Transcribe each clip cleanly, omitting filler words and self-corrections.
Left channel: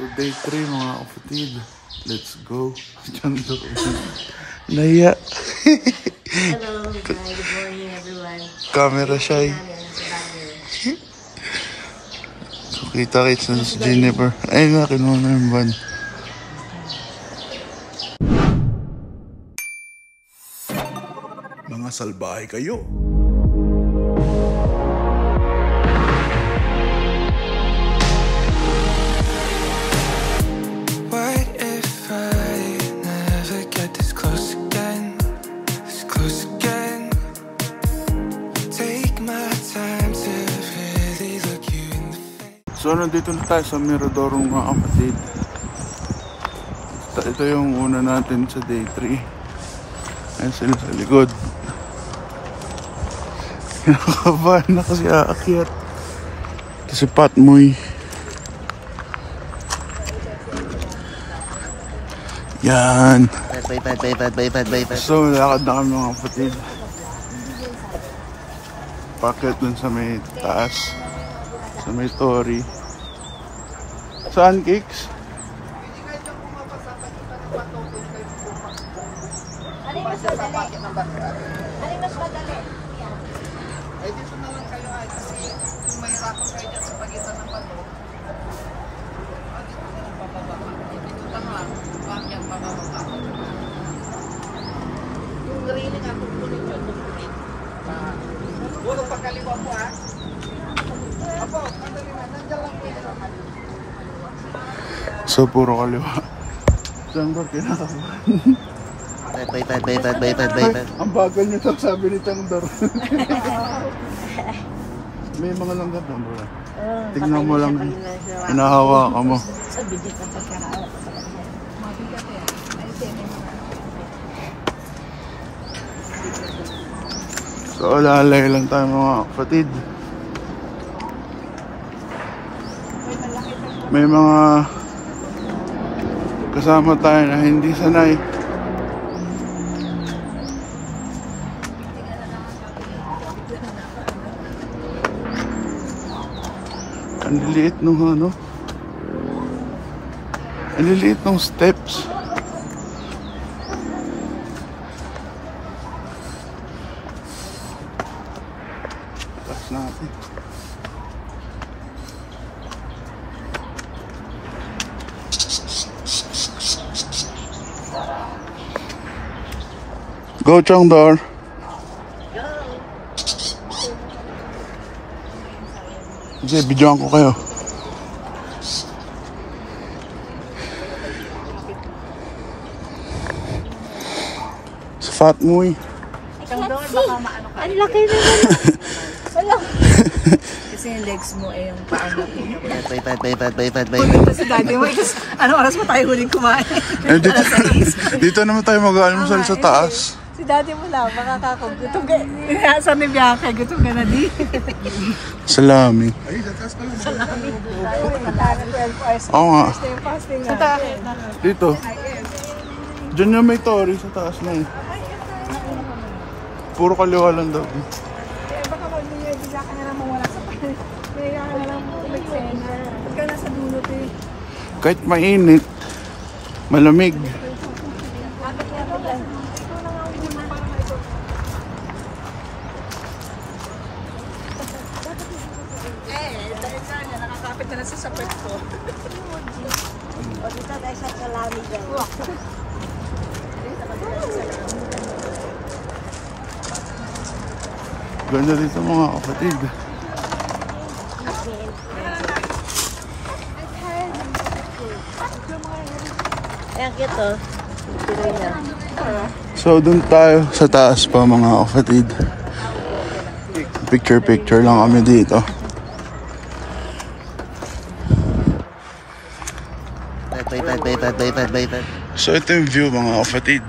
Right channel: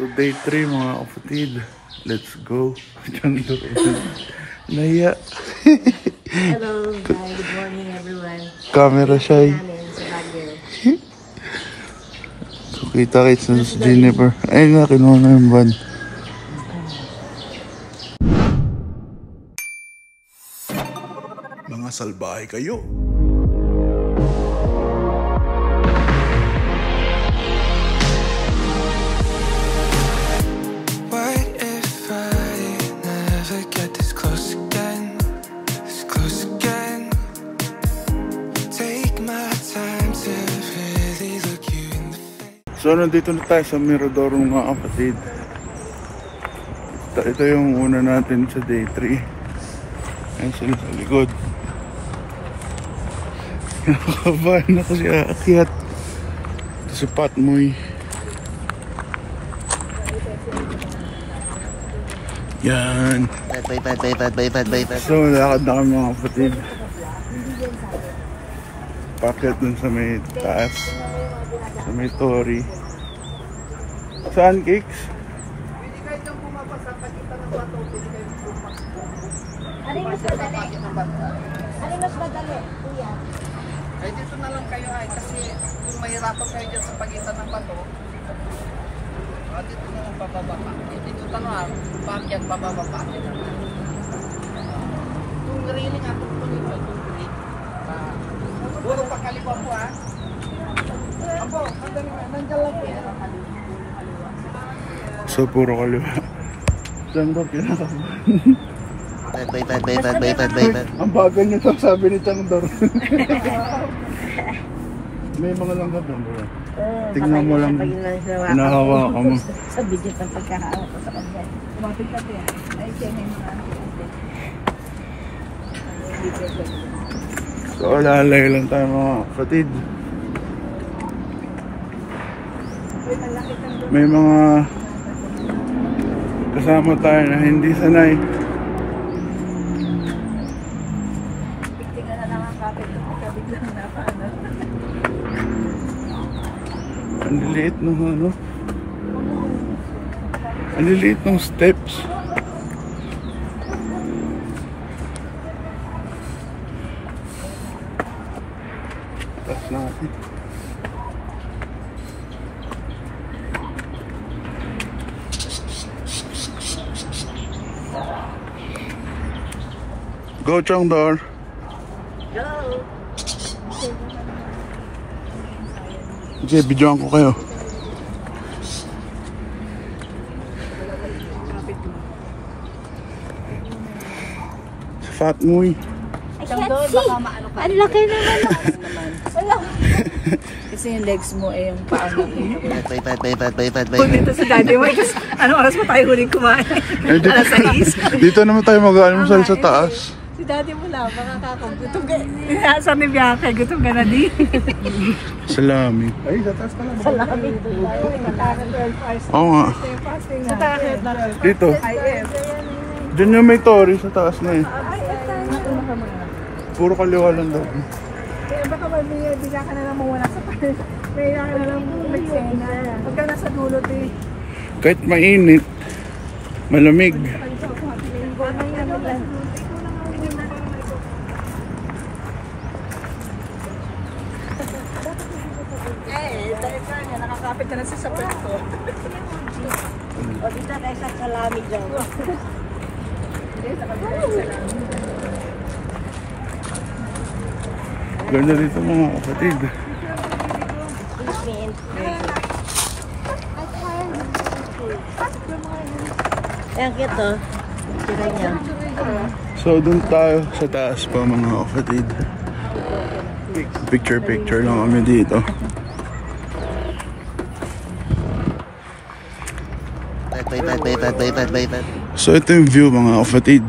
So day 3 mga kapatid. Let's go. Naya. Hello guys, good morning everyone. Camera shy. So kita-kits na si Jennifer. Ay na, kinuha na yung van. Mga salbahe kayo. So nandito na tayo sa Mirador mga kapatid. Ito yung una natin sa day 3. Ayan sila sa likod. Kinakabahan ako si aakyat. Ito si Patmoy. Yan. So lakad na kami mga kapatid. Packet dun sa may taas. Sa may Tori. Saan, Kicks? Hindi kahit yung pumapasa pagkita ng bato, pwede kayo pumapasa. Alin mas madali? Alin mas madali? Kuya. Eh, dito na lang kayo ay kasi kung mahirapan kayo dyan sa pagitan ng bato, dito na lang bababa ka. Dito tanong, bakit bababa ka? Bulo pagkaliwa po ha. So puro kaliwa. Chandor kinakabahan. Ang bagal niyo to, sabi ni Chandor. May mga langgam doon bro. Tingnan mo lang. Hinahawakan mo. Sa video pa pagkahawak ko sa kanya. Mapit ka yan. Ay, siya may mga So alalay lang tayo mga kapatid. May mga kasama tayo na hindi sanay. Ang liliit nung ano. Ang liliit nung steps. Taas natin. Go, Chandor. Go! Sige, bidyoan ko kayo. Sa Fatmoy. Chandor, baka maano ka. Ang laki naman. Ano? Kasi yung legs mo eh, yung paa mo. Punta si daddy mo. Anong oras mo tayo huling kumain? Dito naman tayo mag-almusal sa taas. Si daddy mo lang, makakakag. Gutom ka. Sa ni Bianca, gutom ka na di. Salami. Ay, sa taas pala. Salami. Oo nga. Sa taas. Dito. Diyan yung may Tori sa taas na eh. Puro kaliwa lang daw. Baka bigla ka na lang mawala sa panin. May ka na lang umaksena. Pagka nasa dulot eh. Kahit mainit, malamig. Nakakapit ka na sa sapat ko. Pagkita tayo sa salami dyan. Hindi, sa pagkita tayo sa salami. Ganda dito mga kapatid. So dun tayo sa taas pa mga kapatid. Picture lang kami dito. So ito yung view mga kapatid.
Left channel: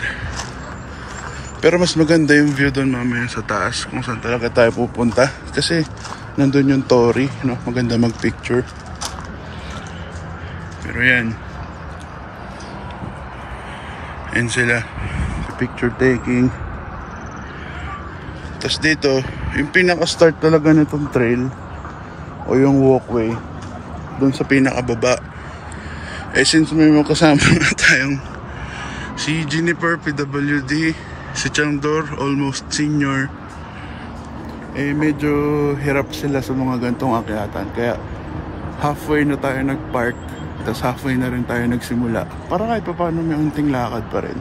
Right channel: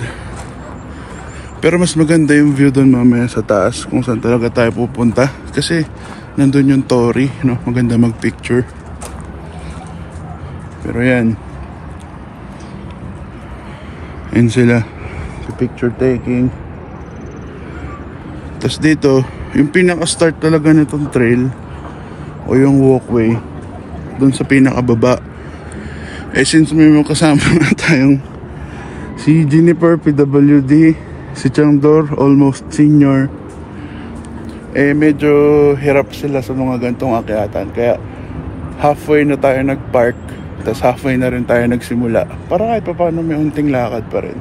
Pero mas maganda yung view doon mamaya sa taas kung saan talaga tayo pupunta. Kasi nandun yung Tori, no? Maganda mag-picture. Pero yan. Yan sila. Sa picture taking. Tapos dito, yung pinaka-start talaga nitong trail o yung walkway, dun sa pinakababa. Eh since may mga kasama nga tayong si Jennifer PWD, si Changdor almost senior, eh medyo hirap sila sa mga gantong akyatan, kaya halfway na tayo nagpark, tapos halfway na rin tayo nagsimula para kahit pa paano may unting lakad pa rin.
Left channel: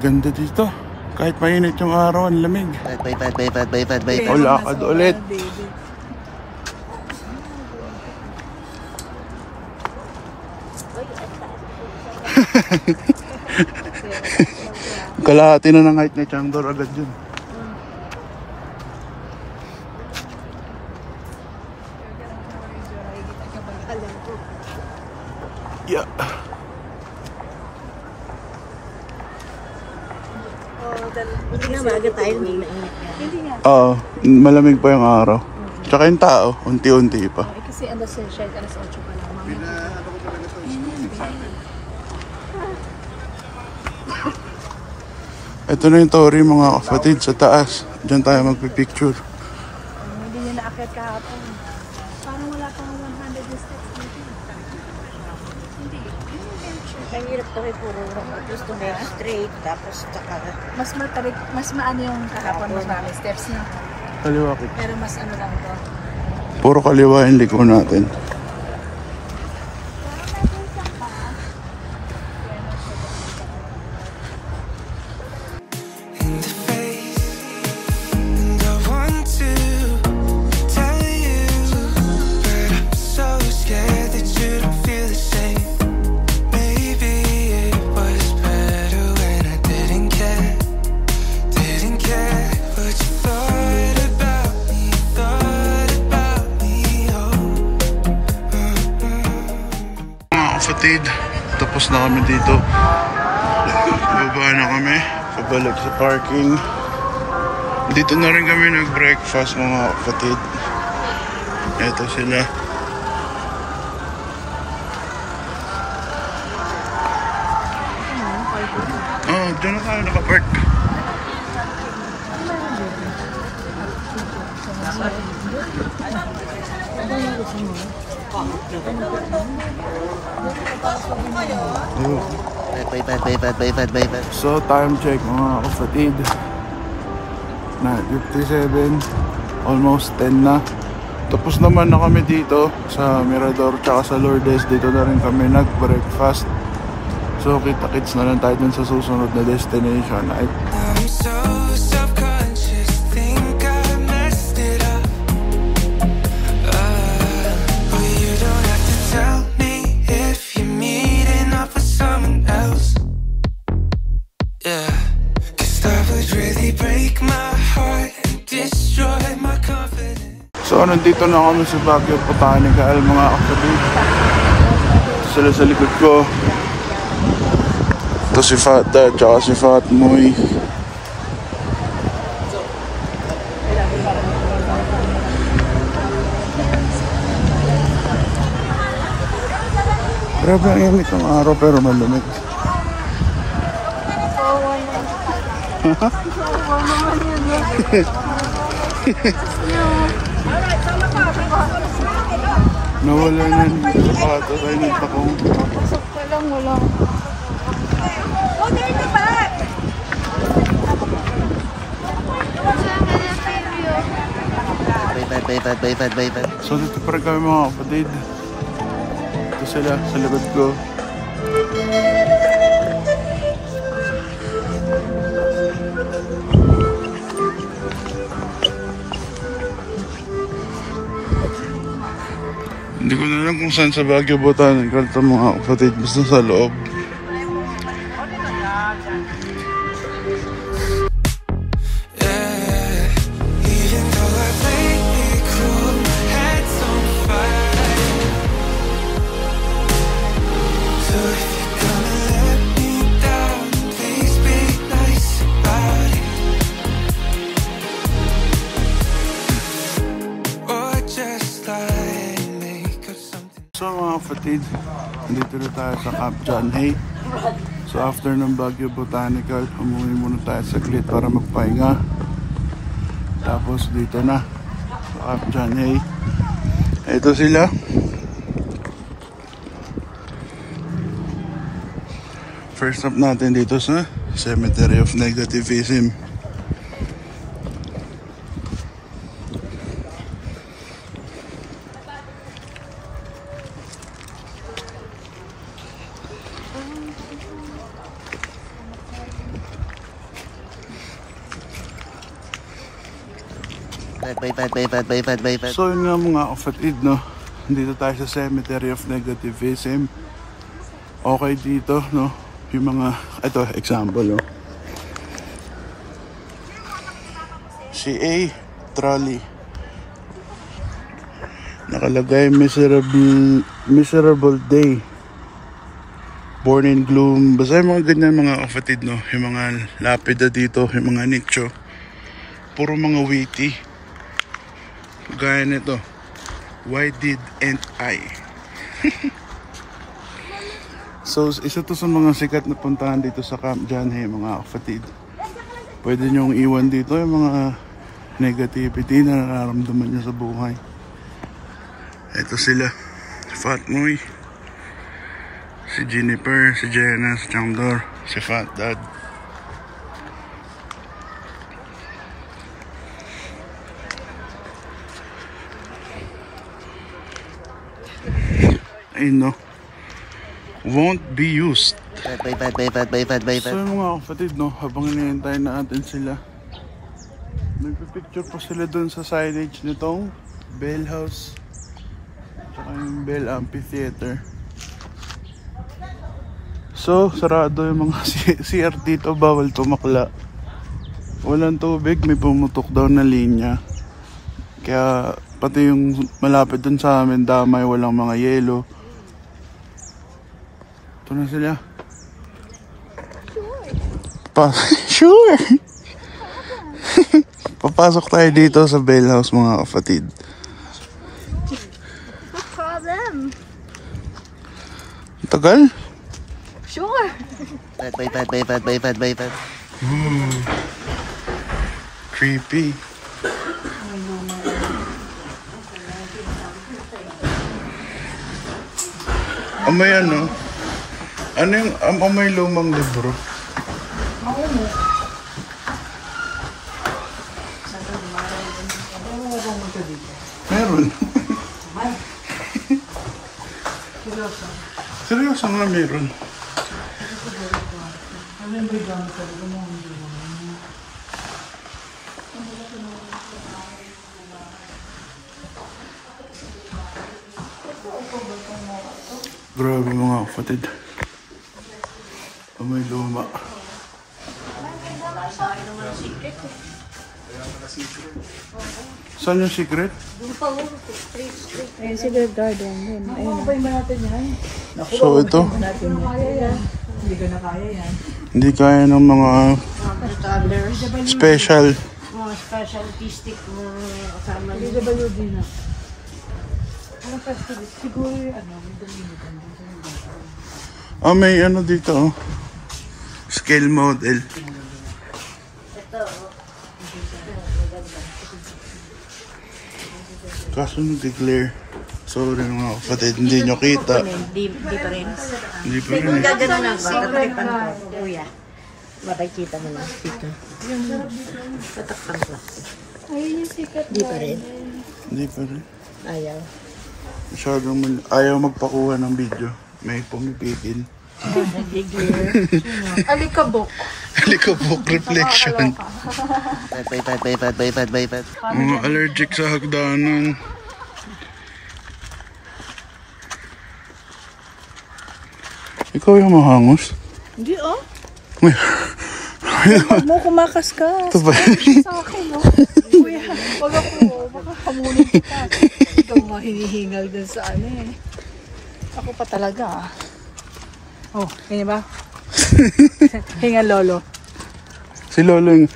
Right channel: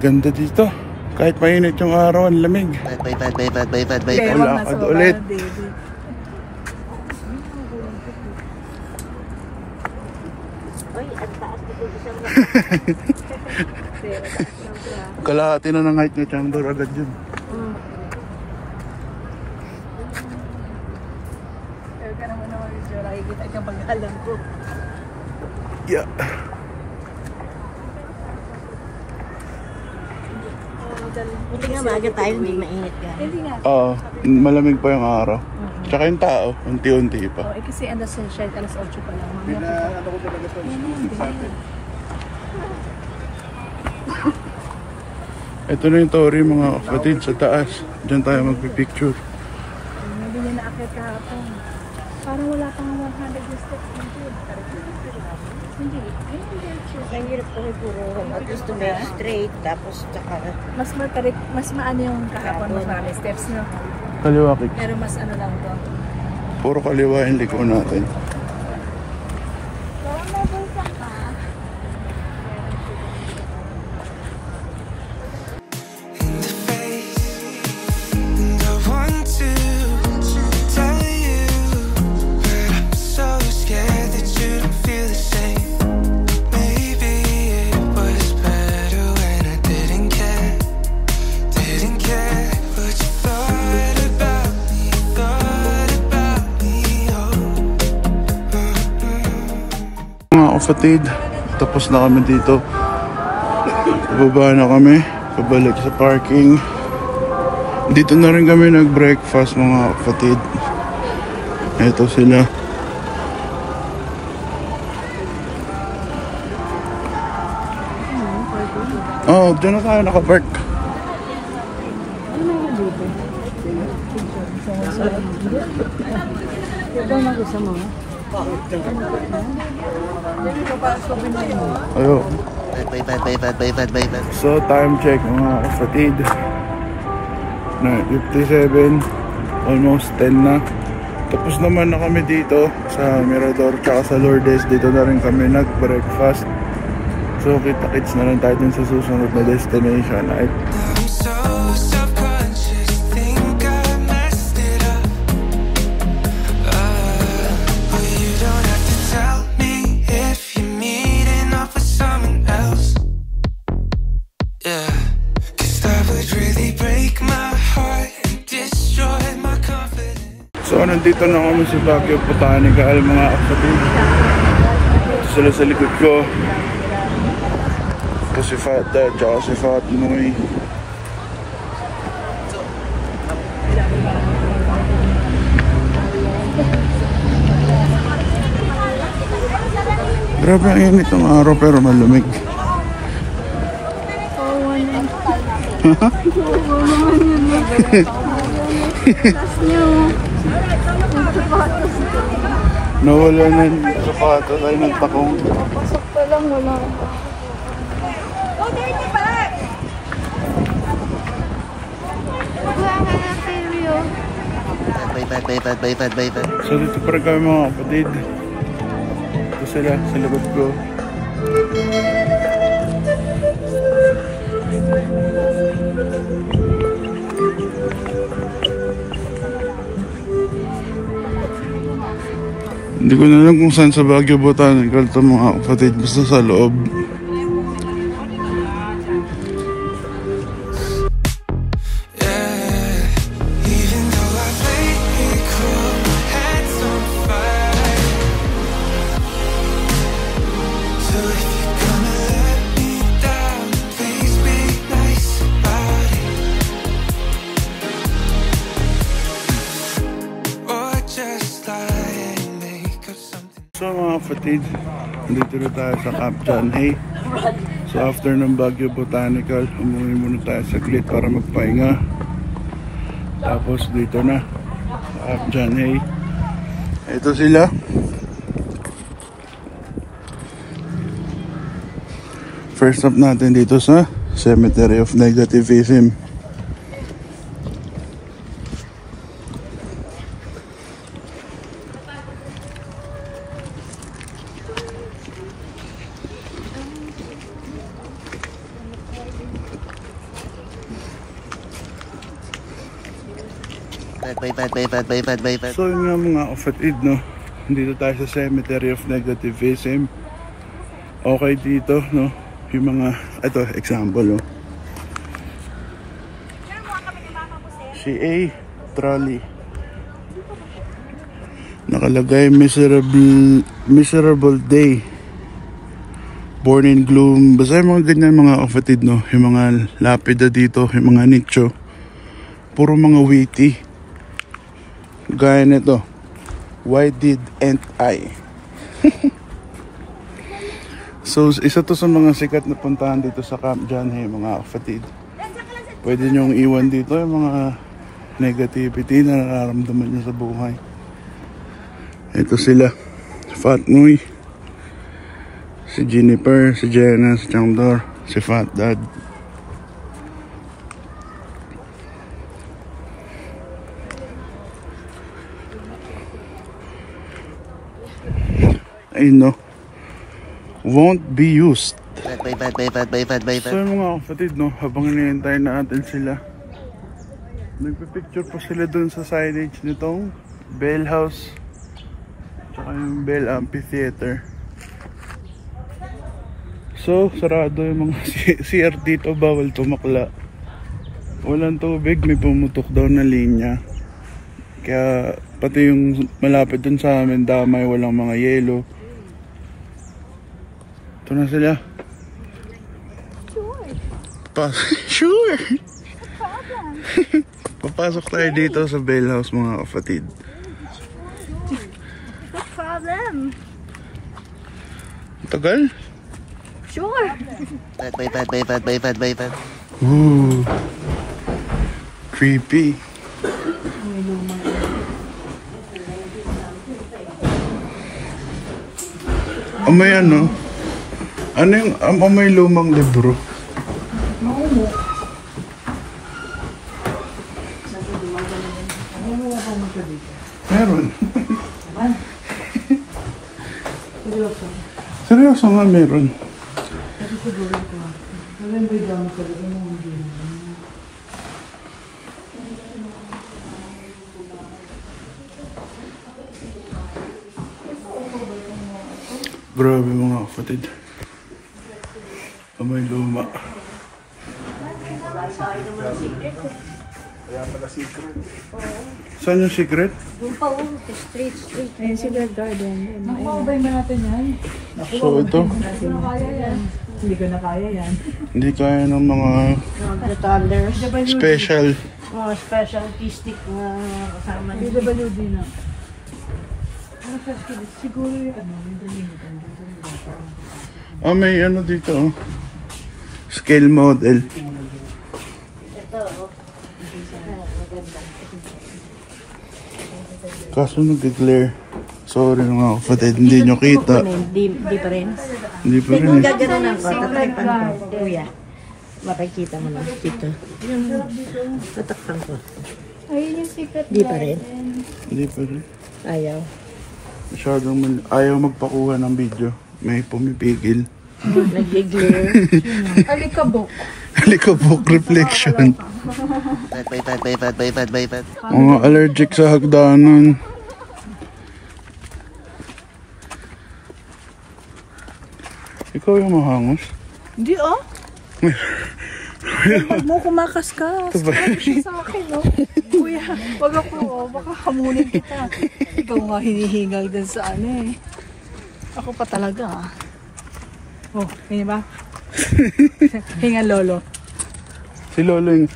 Ganda dito kahit mainit yung araw, ang lamig. Lakad ulit. Kalahati na ng height ni Chandor agad yun. Yeah. Buti na maaga tayo, may mainit yan. Hindi nga. Oo, malamig pa yung araw. Tsaka yung tao, unti-unti pa. Oo, kasi ando sa shed, alas 8 pa lang. Ito na yung Tori mga kapatid sa taas. Diyan tayo magpipicture. Hindi niya naakit kahapon. Parang wala pang 100 steps nito. Hindi. Ang hirap to rin puro at gusto may straight tapos tsaka Mas maano yung kahapon mo marami steps niya. Kaliwa ko. Pero mas ano lang to. Puro kaliwa yung liko natin. Kapatid, tapos na kami dito. Bababa na kami, pabalik sa parking. Dito na rin kami nag-breakfast mga kapatid. Ito sila. Oh, dyan na tayo nakapark. Ayo. So time check mga kapatid, 9:57, almost 10 na. Tapos naman na kami dito sa Mirador tsaka sa Lourdes. Dito na rin kami nag-breakfast. So kita-kits na lang tayo dun sa susunod na destination. So nandito na kami sa Baguio Botanical mga kapatid. Sila sa likod ko. Ito si Fata at si Fatmoy. Pero mainit ang araw pero malamig. Nawala na yung sapatos ay ng takong. Papasok pa lang, wala. So dito pa rin kami mga kapatid. Ito sila sa likod ko. Hindi ko na alam kung saan sa Baguio Botanical ito mga kapatid, basta sa loob. So mga kapatid, dito na tayo sa Camp John Hay. So after ng Baguio Botanical, umuwi muna tayo saglit para magpahinga. Tapos dito na sa Camp John Hay. Ito sila. First stop natin dito sa Cemetery of Negativism. So yun nga mga kapatid, no? Dito tayo sa Cemetery of Negativism. Okay dito, no? Yung mga, ito example, no? Si A. Trolley. Nakalagay miserable day. Born in gloom. Basta yung mga ganyan mga kapatid, no? Yung mga lapida dito, yung mga nicho. Puro mga witty. Gaya nito. Why didn't I? So, isa to sa mga sikat na puntahan dito sa Camp John Hay, mga kapatid. Pwede nyong iwan dito yung mga negativity na nararamdaman nyo sa buhay. Ito sila. Fat Moy. Si Jennifer, si Jenna, si Changdor, si Fat Dad. Ayun, no? Won't be used. So yung mga kapatid, no, habang hinihintay natin sila, nagpipicture po sila dun sa signage nitong Bell House tsaka yung Bell Amphitheater. So sarado yung mga CR dito, bawal tumakla, walang tubig, may pumutok daw na linya, kaya pati yung malapit dun sa amin damay, walang mga yelo. Ito na sila. Sure. Papasok tayo dito sa Bell House mga kapatid. No problem. Tagal? Sure. Ooh. Creepy. Amoy ano? Ano yung amoy lumang libro? Meron. Seryoso nga meron. Grabe mga kapatid. Amoy luma. Saan yung secret? Street. Ayun, secret garden doon. So ito, Hindi ko na kaya yan. hindi kaya ng mga special. Special artistic na kasama niya. BWD na. May ano dito, oh. Scale model. Kaso nag-declare. Sorry mga kapatid, hindi nyo kita. Di pa rin. Hindi pa rin. Gagano lang ko. Kuya. Makikita mo lang dito. Tatakpan ko. Ayun yung secret. Di pa rin. Hindi pa rin. Ayaw. Masyadong ayaw magpakuha ng video. May pumipigil. Nag-declare. Alikabok. Alikabok reflection. Mga allergic sa hagdanan. Ikaw yung mahangos? Hindi oh. Huwag mo kumakaskas. Ito ba? Sa akin oh. Kuya, wag ako oh. Baka hamunin kita. Ikaw nga hinihingal dun sa ano eh. Ako pa talaga ah. Oh, yun ba? Hingal lolo. Si Lolo yung...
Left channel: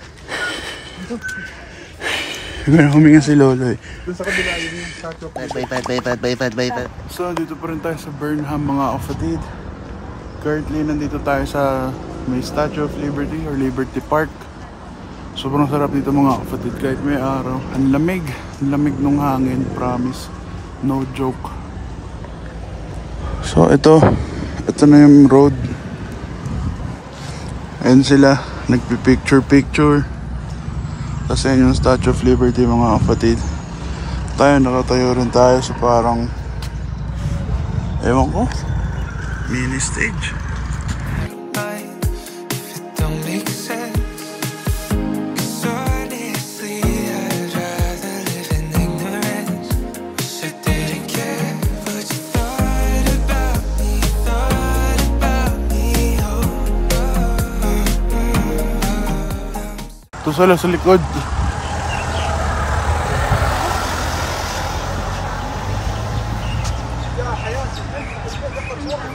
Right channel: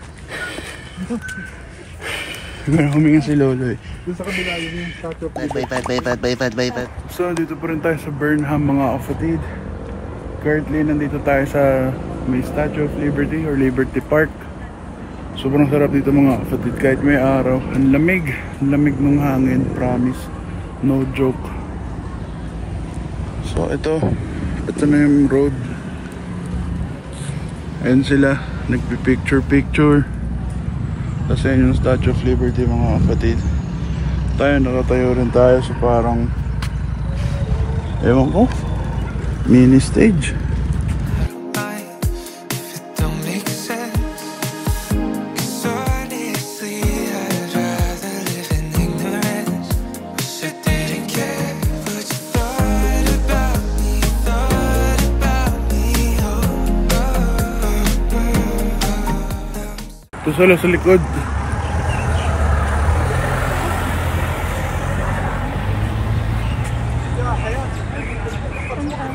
Meron huminga si Lolo eh. So, dito pa rin tayo sa Burnham mga kapatid. Currently, nandito tayo sa may Statue of Liberty or Liberty Park. Sobrang sarap dito mga kapatid. Kahit may araw, ang lamig. Ang lamig nung hangin, promise. No joke. So ito na yung road. Ayan sila, nagpipicture. Kasi yung Statue of Liberty mga kapatid. Tayo nakatayo rin tayo sa parang, ewan ko, mini stage. Ito sila sa likod.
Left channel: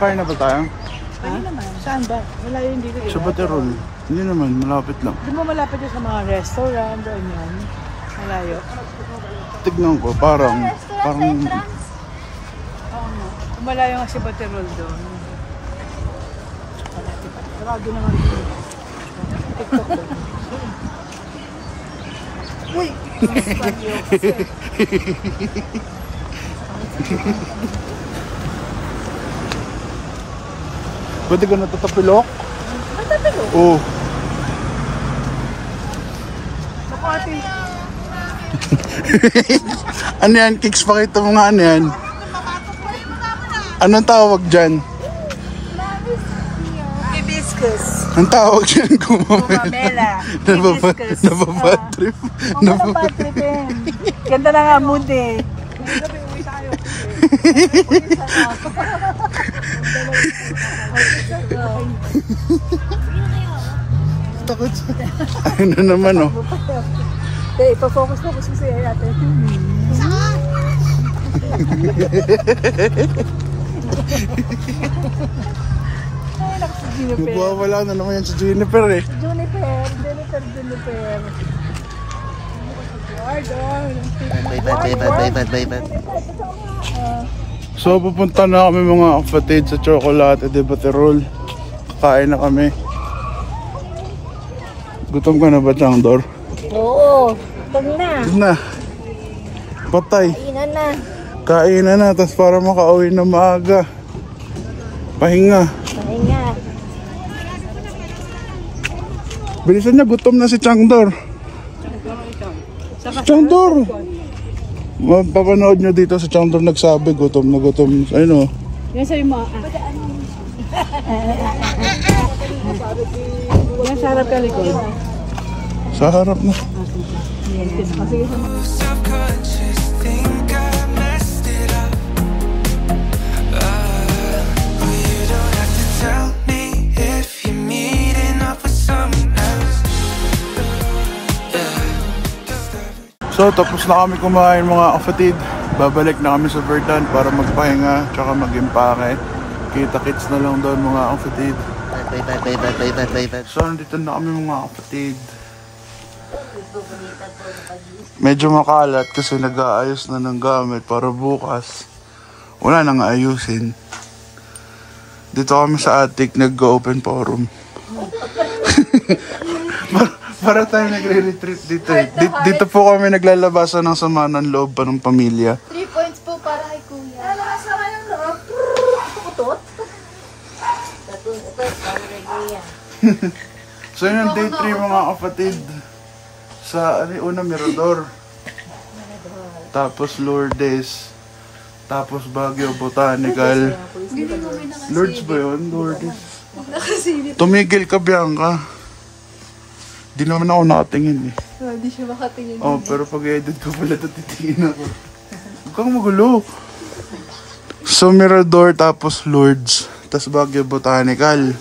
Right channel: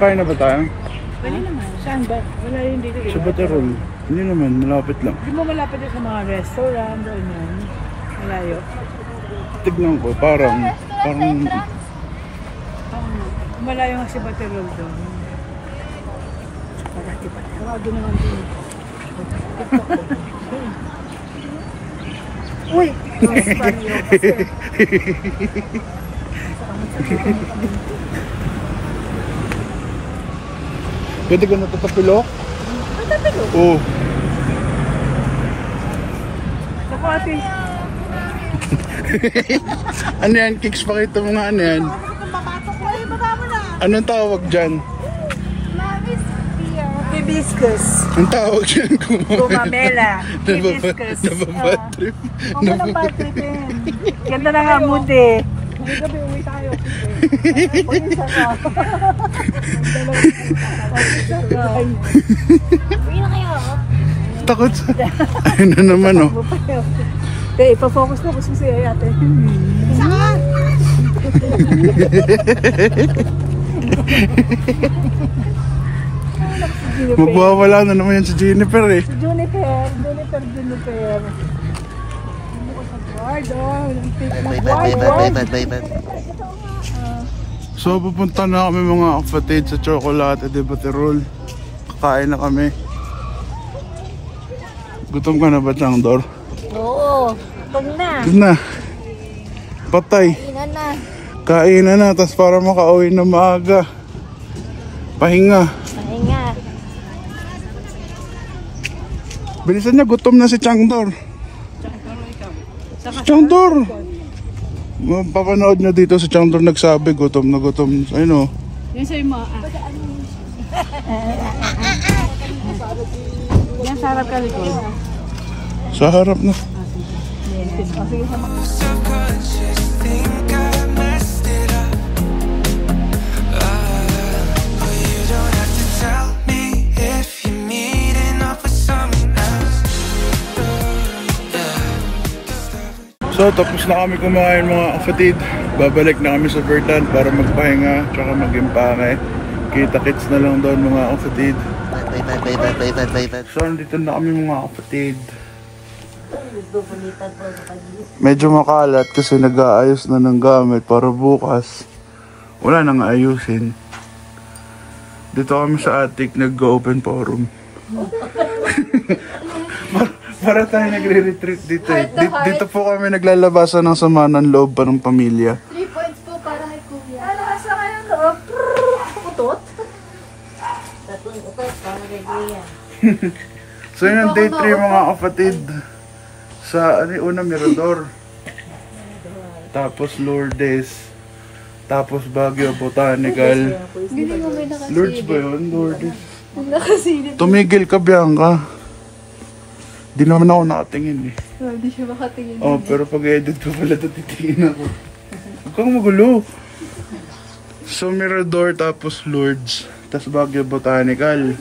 Kain na ba tayo? Pwede naman. Saan ba? Wala yung dito. Sa Baterol. Hindi naman, malapit lang. Hindi mo malapit sa mga restaurant o yun. Malayo. Tignan ko, parang Malayo nga si Baterol doon. Palagi naman din. Uy! pwede ka natatapilok? Natatapilok? Oo. Naku ate. Ano yan? Kicks, pakita mo nga ano yan. Anong tawag dyan? Hibiscus. Ang tawag dyan? Gumamela. Hibiscus. Nababatrip. Nababatripin. Ganda na nga mood eh. Uwi na kayo. Takot. Ayun na naman oh. Hindi, ipafocus na kasi si ate. Magwawala na naman yan si Jennifer eh. Juniper. Bye. So pupunta na kami mga kapatid sa Chocolate de Baterol. Kakain na kami. Gutom ka na ba, Changdor? Oo. Tug na. Hindi na. Patay. Kainan na. Kainan na, tas para makauwi na maaga. Pahinga. Pahinga. Bilisan niya, gutom na si Changdor. Changdor! Mapapanood nyo dito si Changdor nagsabi, gutom na gutom. Ayun o. Yan sa'yo mo. Yan sa harap ka likod. Sa harap na. Sige sa mga. So tapos na kami kumain mga kapatid. Babalik na kami sa Verdan para magpahinga tsaka mag-impake. Kita-kits na lang doon mga kapatid. Bye. So nandito na kami mga kapatid. Medyo makalat kasi nag-aayos na ng gamit para bukas wala nang ayusin. Dito kami sa attic nag-open forum. Para tayo nagre-retreat dito eh. Dito po kami naglalabasan ng sama ng loob pa ng pamilya. 3 points po para kay Kuya. Ano ka sa kanya ko? So yun ang day 3 mga kapatid. Sa una Mirador. Tapos Lourdes. Tapos Baguio Botanical. Lourdes ba yun? Lourdes. Tumigil ka, Bianca. Di naman ako nakatingin eh. Oh, di siya makatingin. Oh, pero pag-edit ko pala ito, titingin ako. Huwag kang magulo. So Mirador tapos Lourdes. Tapos Baguio Botanical.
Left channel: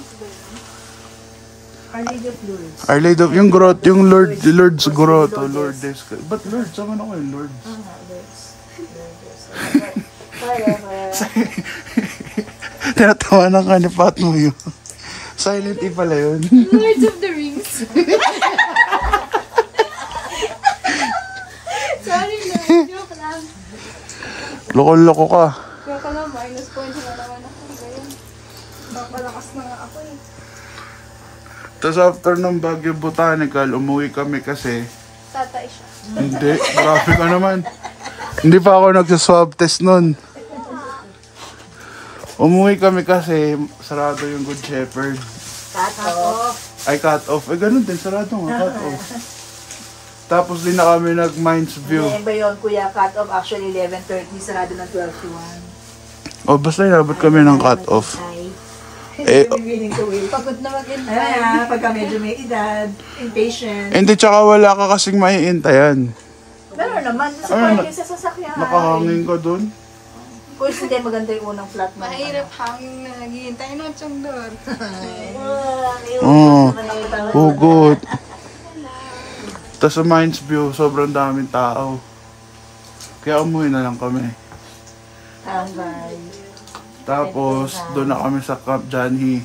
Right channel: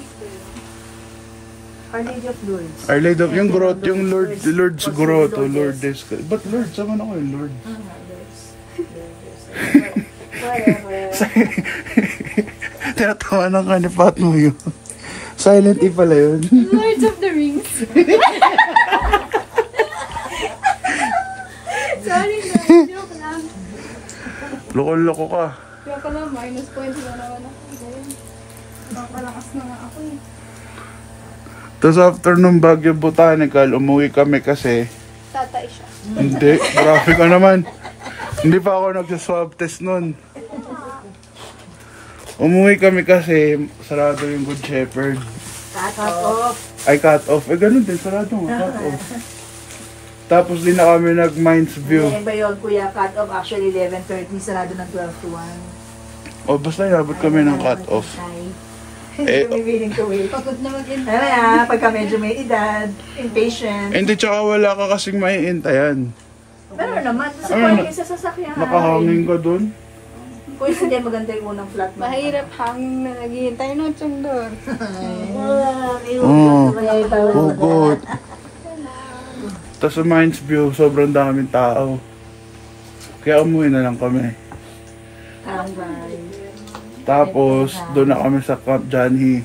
Our Lady of Lourdes. Our Lady of, yung grotto, yung Lourdes grotto, Lourdes. Ba't Lourdes? Sama na ko yung Lourdes. Tinatawanan ka ni Fatmo yun. Silent E pala yun. Lords of the Rings. Sorry na, joke lang. Loko-loko ka. Joke lang, minus points na naman ako. Napalakas na nga ako eh. Tapos after nung Baguio Botanical, umuwi kami kasi... Tatay siya. Hindi, grabe ka naman. Hindi pa ako nagsaswab test nun. Umuwi kami kasi sarado yung Good Shepherd. Cut off. Ay, cut off. Eh, ganun din. Sarado nga, cut off. Tapos din na kami nag-Mines View. Eh, ba yun, kuya? Cut off actually 11:30. Sarado ng 12 to 1. O, basta yabot kami ng cut off. Eh, Pagod na mag-intay. Pagka medyo may edad, impatient. hindi, tsaka wala ka kasing maiintayan. Pero naman, sa pwede sa sasakyan. Nakahangin ka dun. Kung hindi maganda yung unang flat. Mahirap hangin na naghihintay ng sundor. Oo. Hugot. Tapos sa Mines View, sobrang daming tao. Kaya umuwi na lang kami. Tapos, doon na kami sa Camp Janhi.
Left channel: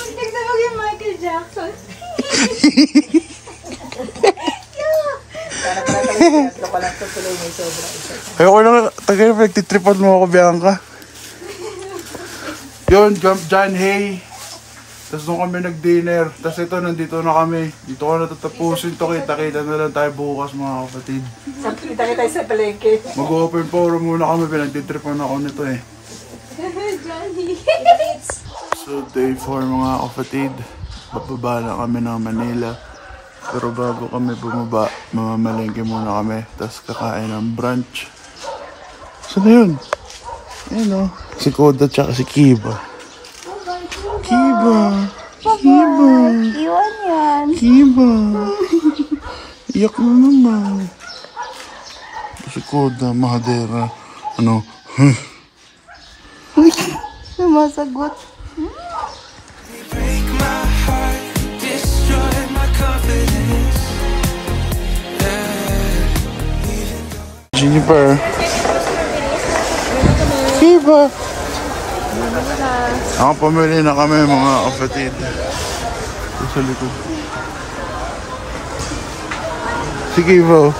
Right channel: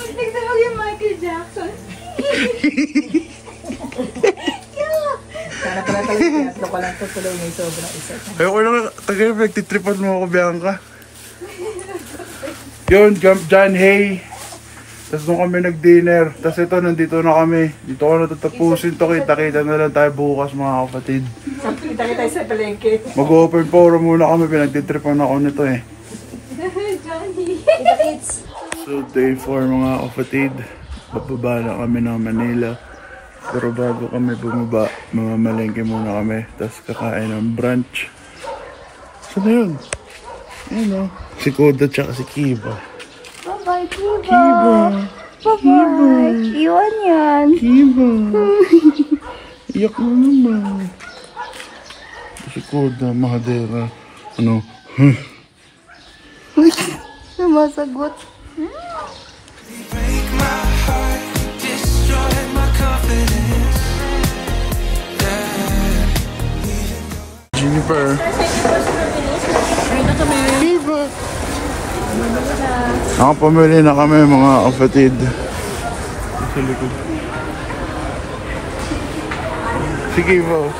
Tignan mo yung Michael Jackson. Ayoko na, tagal na nagtitripan mo ako, Bianca. Yun, Camp Janhi. Tapos nung kami nag-dinner, tapos ito, nandito na kami. Dito ko natatapusin to, kita-kita na lang tayo bukas mga kapatid. Kita-kita sa palengke. Mag-open forum muna kami, pinagtitripan ako nito eh. So day 4 mga kapatid, bababa na kami ng Manila. Pero bago kami bumaba, mamamalengke muna kami. Tapos kakain ng brunch. Saan na yun? Ayun o. Si Koda tsaka si Kiba. Bye-bye, Kiba. Kiba. Bye-bye. Iwan yan. Kiba. Iyak na naman. Si Koda, mahadera. Ano? Sumasagot. Break my heart, destroy my confidence. Jennifer. Kiba. Nakapamili na kami mga kapatid. Sa likod. Si Kiba.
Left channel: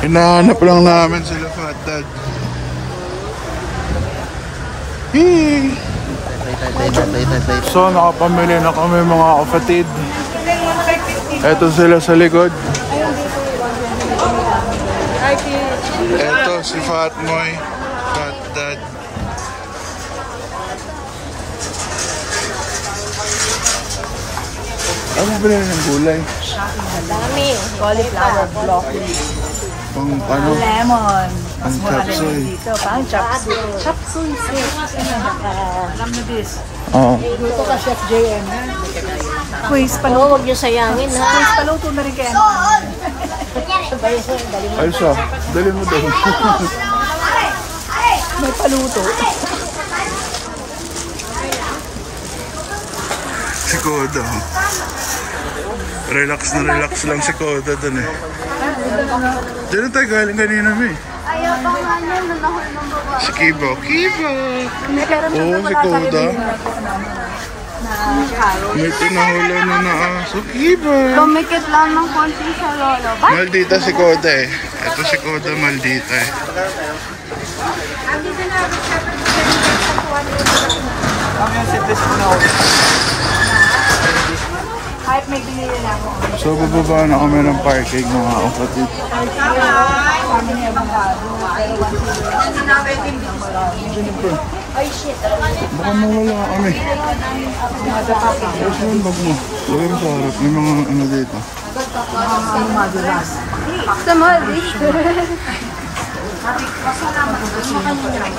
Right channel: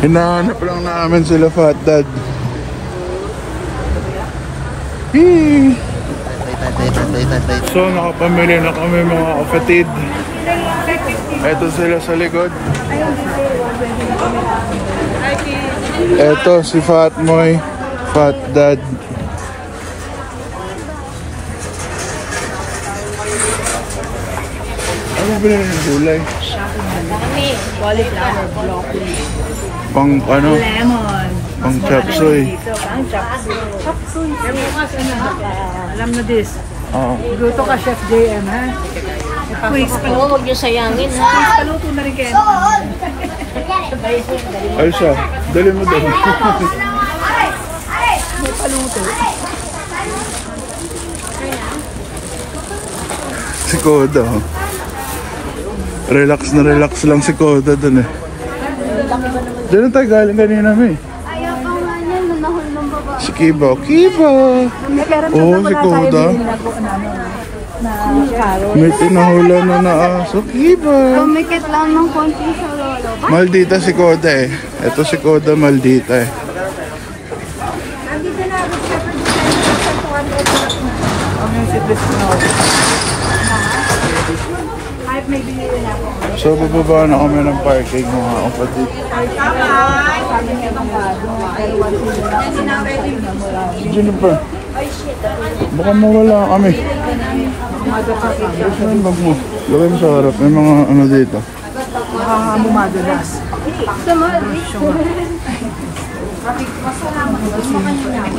Hinahanap lang namin sila Fat Dad. Hey. So nakapamili na kami mga kapatid. Eto sila sa likod. Eto si Fat Moy, Fat Dad. Ano ba nila yung gulay? Cauliflower, broccoli, Pang ano? lemon. Pang chapsoy. Pang chapsoy. Alam na this. Oo. Luto ka, Chef JM, ha? Quiz, paluto. Huwag niyo sayangin, ha? Quiz, paluto na rin kayo. Ay siya, dali mo doon. Si Koda. Oh. Relax lang si Koda doon eh. Diyan na tayo galing kanina na eh. Ayaw pa nga niya, nanahol ng baba. Si Kiba. Kiba! Oo, si Koda. May pinahula na na aso. Kiba! Tumikit lang ng konti sa lolo. Maldita si Koda eh. Ito si Koda maldita eh. So bababa na kami ng parking mga kapatid. Sino pa? Baka mawala kami. Saan ang bag mo? Lagay mo sa harap. May mga ano dito.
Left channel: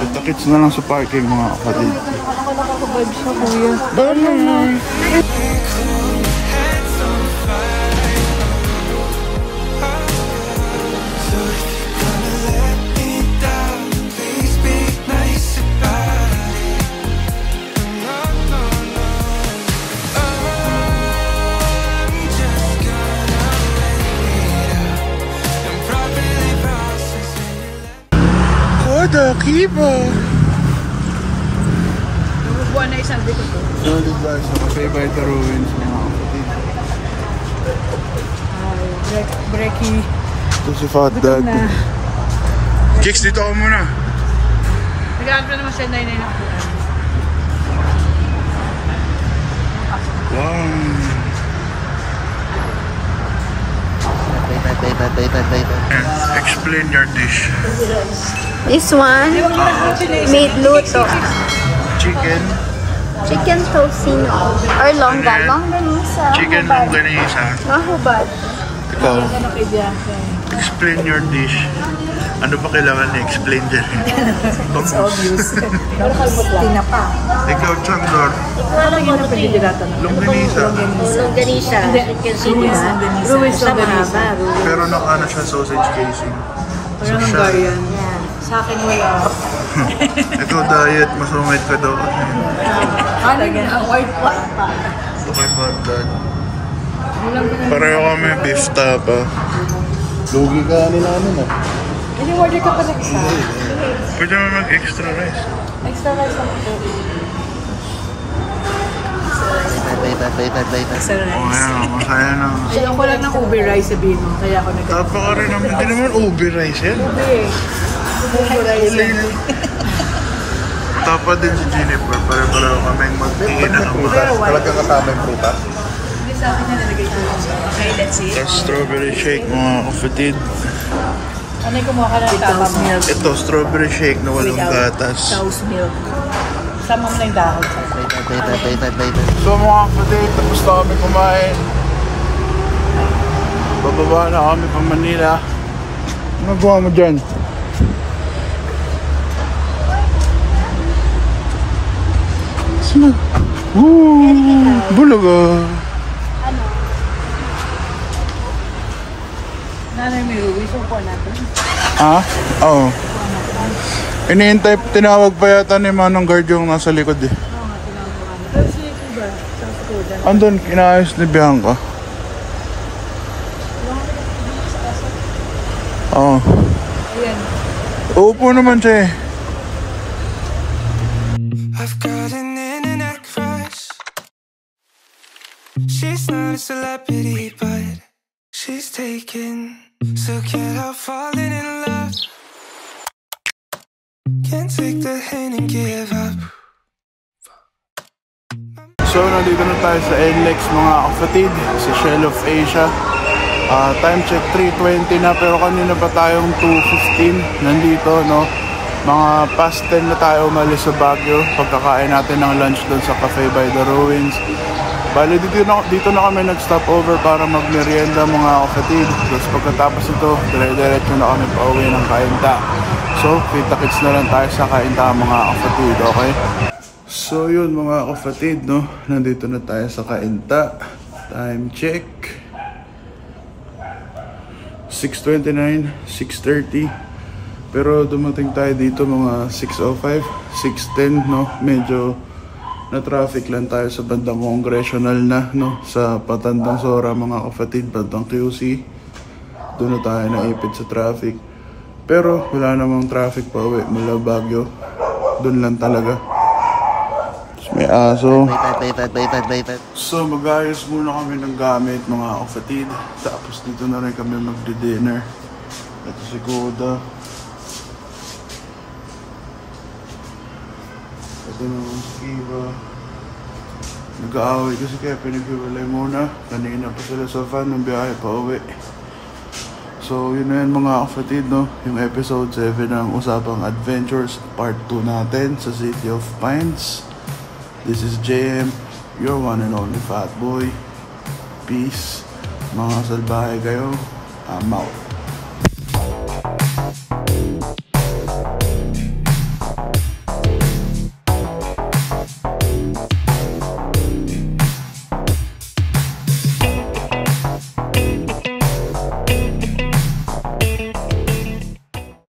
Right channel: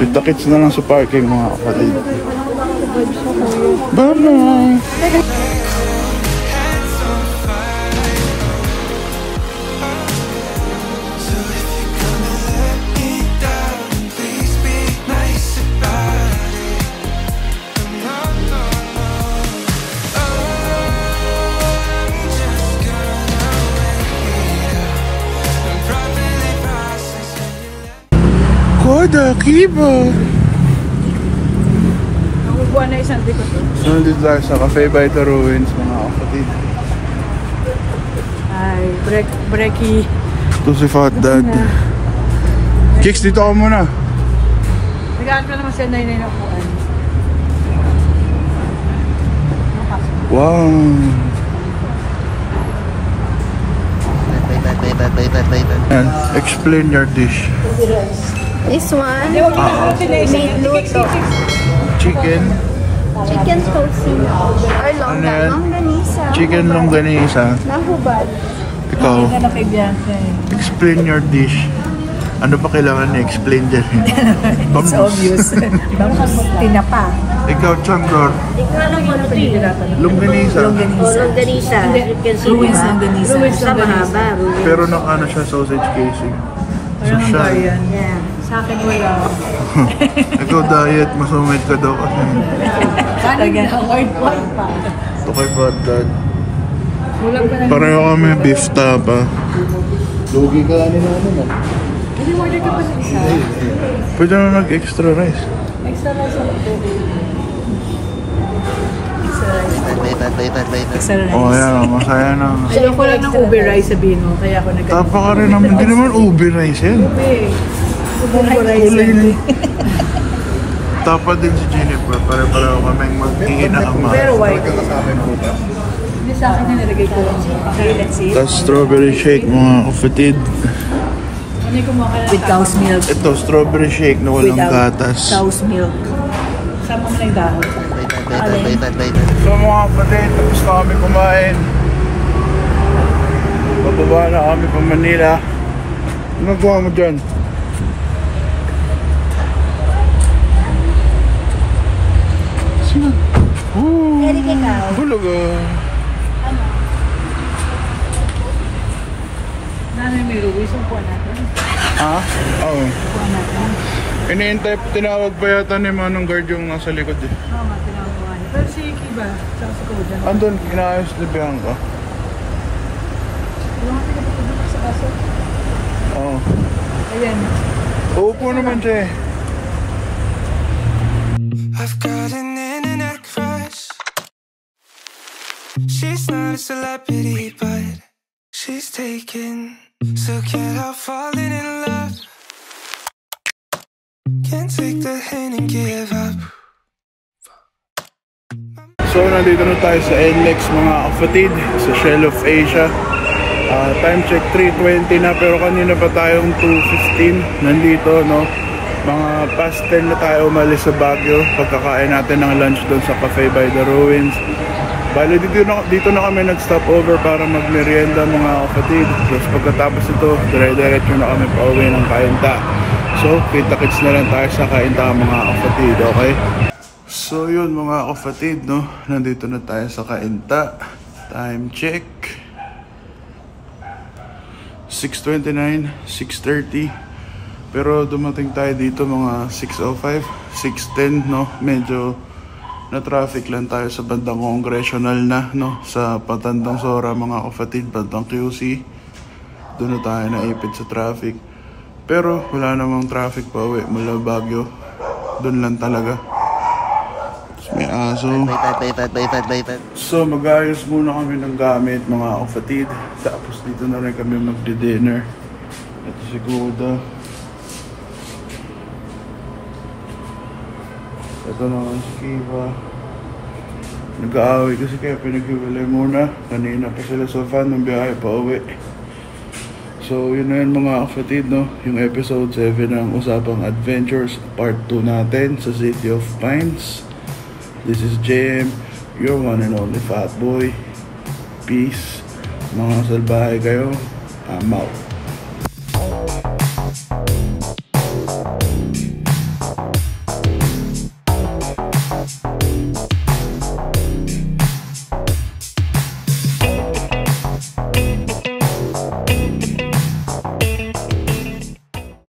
Kita-kits na lang sa parking mga kapatid. Bye-bye! Kiba! Buwan na isang dito. Nandito tayo sa Cafe by the Ruins mga kapatid. Ay, breaky. Ito si Fat Dad. Kicks, dito ako muna. Nag-aap na naman siya na yun. Wow. And explain your dish. This one, made luto. Chicken. Chicken tocino. Or longganisa. Chicken longganisa. Mahubad. Explain your dish. Ano pa kailangan na-explain dyan? It's obvious. Tinapa. Ikaw, Chandor. Longganisa. Longganisa. Sa mahaba. Pero naka siya sausage casing. Social. Yeah. Sa akin wala. Ito diet, masungit ka daw. Paano na? White pa. Ito kay Bad Dad. Pareho kami bista pa. Lugi ka ano namin eh. Ini-order ko pa ng isa. Pwede naman mag-extra rice. Extra rice Oh, yan. Masaya na. Ayaw ko lang ng ube rice sabihin mo. Kaya ako nag- Tapa ka rin naman. Hindi naman ube rice yan. Ube rice. Tapa din si Jennifer. Pare-pareho kaming mag-iinama. Pero white. Hindi sa akin nalagay ko lang siya. Okay, let's see. Tapos strawberry shake, mga kapatid. Ano yung kumuha ka ng cow's milk? Ito, strawberry shake na walang gatas. Cow's milk. Sama mo na yung dahon. So mga kapatid, tapos na kami kumain. Bababa na kami pa Manila. Ano gawa mo dyan? Sino? Bulaga. Nanay may ruwi, so po natin. Ha? Oo. Iniintay, tinawag pa yata ni Manong Guard yung nasa likod eh. Oo nga, tinawag mo nga niya. Pero si iba, sa student. Andun, inaayos ni Bianca. Oo. Ayan. Uupo naman siya eh. I've got an internet crush. She's not a celebrity, but she's taken. So can't help falling in love. Can't take the hint and give up. So nandito na tayo sa NLEX mga kapatid, sa Shell of Asia. Time check 3:20 na, pero kanina pa tayong 2:15 nandito, no? Mga past 10 na tayo umalis sa Baguio. Pagkakain natin ng lunch doon sa Cafe by the Ruins. Bali dito na kami nag-stop over para mag-merienda mga kapatid. Tapos pagkatapos ito, dire-diretso na kami pa uwi ng Cainta. So, kita-kits na lang tayo sa Cainta mga kapatid, okay? So yun mga kapatid, no? Nandito na tayo sa Cainta. Time check 6:29, 6:30. Pero dumating tayo dito mga 6:05, 6:10, no? Medyo na traffic lang tayo sa bandang Congressional na, no? Sa Patandang Sora mga kapatid, bandang QC. Doon na tayo naipit sa traffic. Pero wala namang traffic pa uwi mula Baguio. Doon lang talaga. May aso. So mag-ayos muna kami ng gamit mga kapatid. Tapos dito na rin kami magdi-dinner. Ito si Kuda. Ito naman si Kiva. Nag-aaway kasi kaya pinaghiwalay muna. Kanina pa sila sa van ng biyahe pa uwi. So yun na yun mga kapatid, no? Yung episode 7 ng Usapang Adventures Part 2 natin sa City of Pines. This is JM, your one and only fat boy. Peace. Mga salbahe kayo. I'm out.